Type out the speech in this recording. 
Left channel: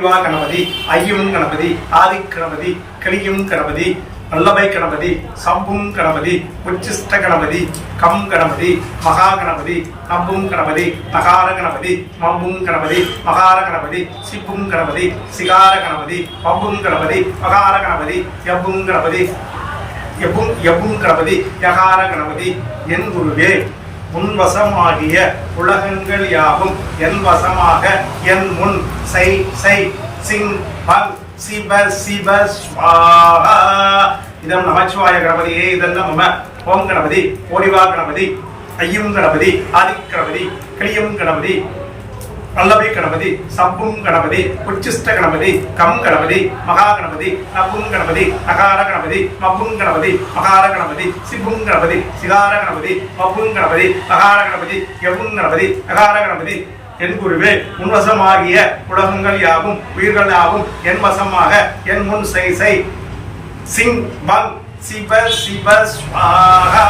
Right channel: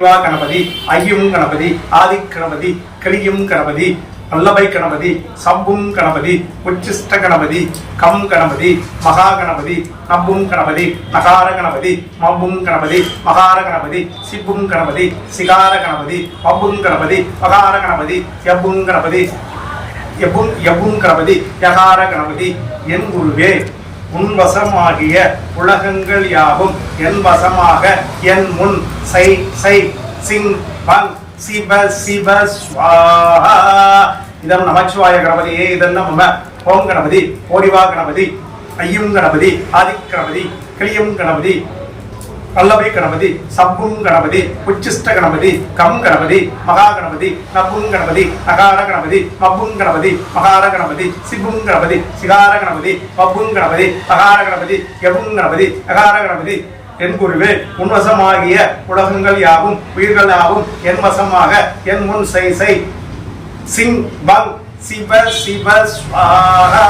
கணபதி ஐயும் கணபதி ஆதி கணபதி கிளியும் கணபதி வல்லபை கணபதி சம்பும் கணபதி உச்சிஷ்ட கணபதி கம் கணபதி மகா கணபதி நம்பும் கணபதி நகார கணபதி மம்பும் கணபதி மகார கணபதி சிப்பும் கணபதி சிகார கணபதி மம்பும் கணபதி மகார கணபதி எப்பும் கணபதி எப்பும் எப்பும் கணபதி யகார கணபதி என் குருவே. உன்வசமாகிய உலகங்கள் யாவும் என் வசமாக என் முன் சை சை சிங் பங் சிப சிப ஸ்வாஹா இதம் நமச்சிவாய கணபதியே இதெல்லாம் மம ஓம் கணபதி ஓடிவா கணபதி ஐயும் கணபதி ஆதி கணபதி கிளியும் கணபதி பல்லவி கணபதி சப்புங் கணபதி உச்சிஷ்ட கணபதி கம் கணபதி மகா கணபதி நப்பும் கணபதி நகார கணபதி மப்பும் கணபதி மகார கணபதி சிபுங் கணபதி சிகார கணபதி மப்பும் கணபதி மகார கணபதி எவும் கணபதி நகார கணபதி. என் குருவே உன்வசமாகிய உலகங்கள் யாவும் உயிர்கள் யாவும் என் வசமாக என் முன் சை சை சிங் பங் சிவ சிவ ஸ்வாஹா